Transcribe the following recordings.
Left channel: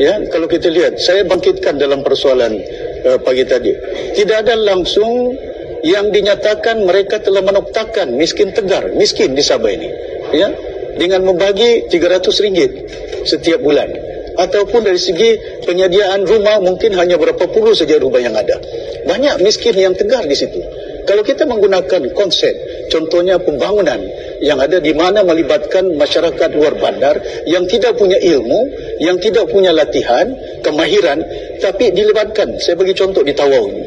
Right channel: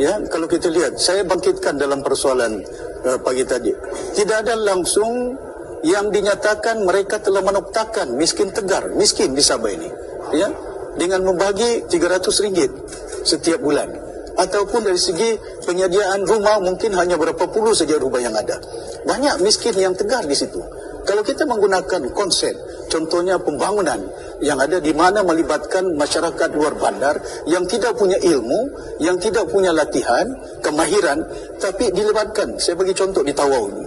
Ya, kalau kita lihat, saya bangkitkan dalam persoalan pagi tadi. Tidak ada langsung yang dinyatakan mereka telah menoktakan miskin tegar, miskin di Sabah ini. Ya, dengan membagi RM300 setiap bulan. Ataupun dari segi penyediaan rumah mungkin hanya berapa puluh saja rumah yang ada. Banyak miskin yang tegar di situ. Kalau kita menggunakan konsep, contohnya pembangunan yang ada di mana melibatkan masyarakat luar bandar yang tidak punya ilmu, yang tidak punya latihan, kemahiran, tapi dilibatkan. Saya bagi contoh di Tawau ini.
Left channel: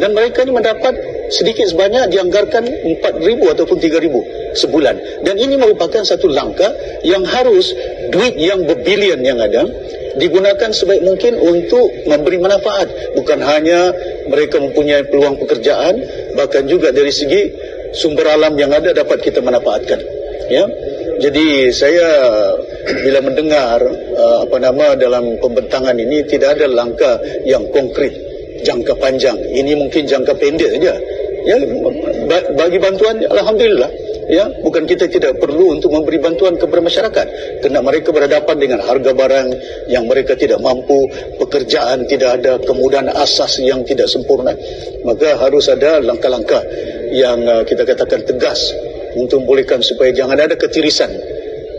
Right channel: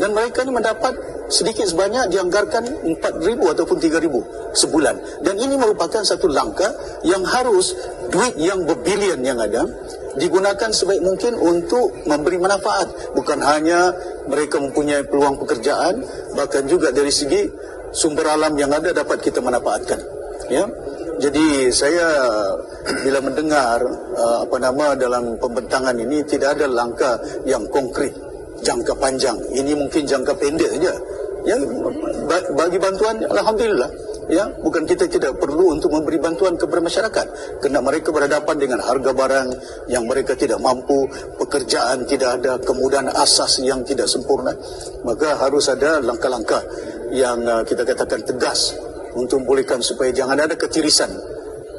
Dan mereka ini mendapat sedikit sebanyak dianggarkan 4,000 ataupun 3,000 sebulan. Dan ini merupakan satu langkah yang harus duit yang berbilion yang ada digunakan sebaik mungkin untuk memberi manfaat. Bukan hanya mereka mempunyai peluang pekerjaan, bahkan juga dari segi sumber alam yang ada dapat kita manfaatkan. Ya. Jadi saya bila mendengar dalam pembentangan ini tidak ada langkah yang konkret jangka panjang. Ini mungkin jangka pendek saja. Ya, bagi bantuan alhamdulillah. Ya, bukan kita tidak perlu untuk memberi bantuan kepada masyarakat kerana mereka berhadapan dengan harga barang yang mereka tidak mampu, pekerjaan tidak ada, kemudahan asas yang tidak sempurna. Maka harus ada langkah-langkah yang kita katakan tegas untuk membolehkan supaya jangan ada ketirisan,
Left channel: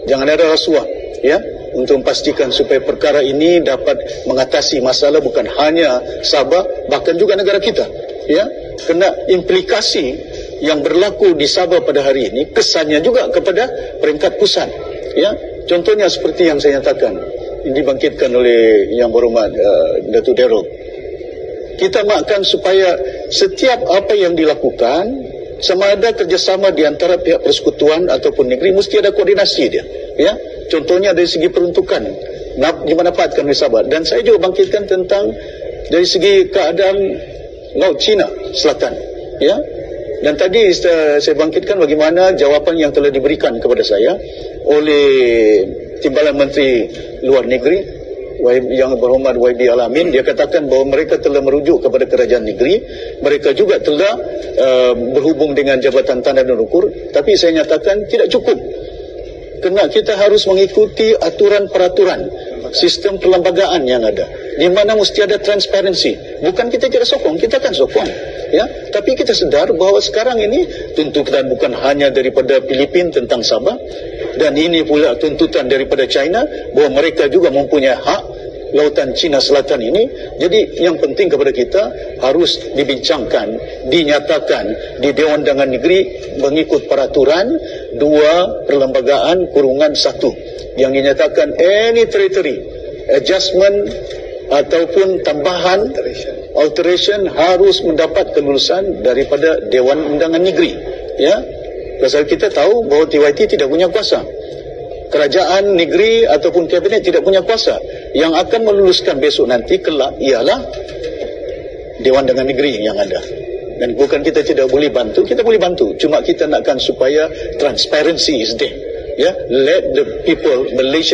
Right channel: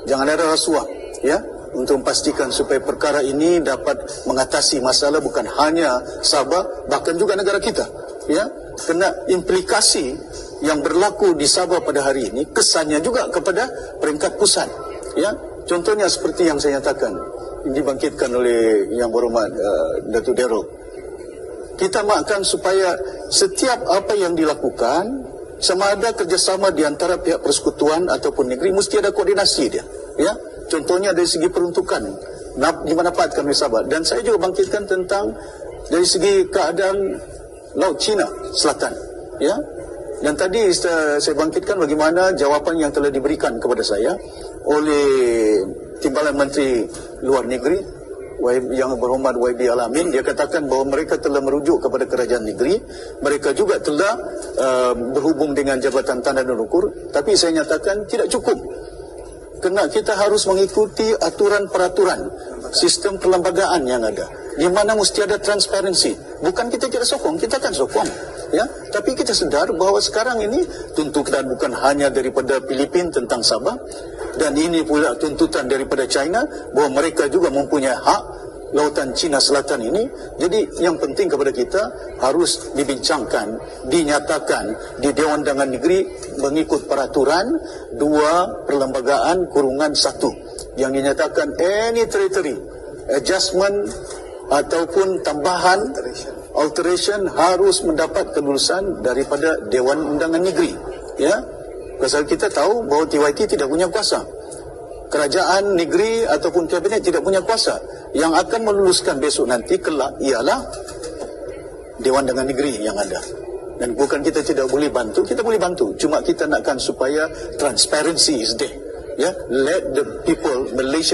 jangan ada rasuah, ya, untuk memastikan supaya perkara ini dapat mengatasi masalah bukan hanya Sabah, bahkan juga negara kita. Ya, kena implikasi yang berlaku di Sabah pada hari ini kesannya juga kepada peringkat pusat. Ya, contohnya seperti yang saya nyatakan, ini dibangkitkan oleh Yang Berhormat Datuk Darrell. Kita makan supaya setiap apa yang dilakukan sama ada kerjasama di antara pihak persekutuan ataupun negeri, mesti ada koordinasi dia. Ya, contohnya dari segi peruntukan dimanfaatkan oleh Sabah. Dan saya juga bangkitkan tentang dari segi keadaan Laut Cina Selatan. Ya. Dan tadi saya bangkitkan bagaimana jawapan yang telah diberikan kepada saya oleh Timbalan Menteri Luar Negeri Yang Berhormat YB Al-Amin. Dia katakan bahawa mereka telah merujuk kepada kerajaan negeri. Mereka juga telah berhubung dengan Jabatan Tanah dan Ukur. Tapi saya nyatakan tidak cukup. Kerana kita harus mengikuti aturan-peraturan sistem perlembagaan yang ada, di mana mesti ada transparansi. Bukan kita tidak sokong, kita akan sokong, ya. Tapi kita sedar bahawa sekarang ini tuntutan bukan hanya daripada Filipina tentang Sabah, dan ini pula tuntutan daripada China bahawa mereka juga mempunyai hak Lautan Cina Selatan ini. Jadi yang penting kepada kita harus dibincangkan, dinyatakan di Dewan Undangan Negeri mengikut peraturan 2 perlembagaan kurungan 1 yang dinyatakan any territory adjustment ataupun tambahan alteration harus mendapat kelulusan daripada Dewan Undangan Negeri. Ya, pasal kita tahu bahawa TYT tidak punya kuasa. Kerajaan negeri ataupun kabinet tidak punya kuasa. Yang akan meluluskan besok nanti kelak ialah Dewan Undangan Negeri yang ada. Dan bukan kita tidak boleh bantu, kita boleh bantu. Cuma kita nakkan supaya transparency is there. Ya, let the people Malaysia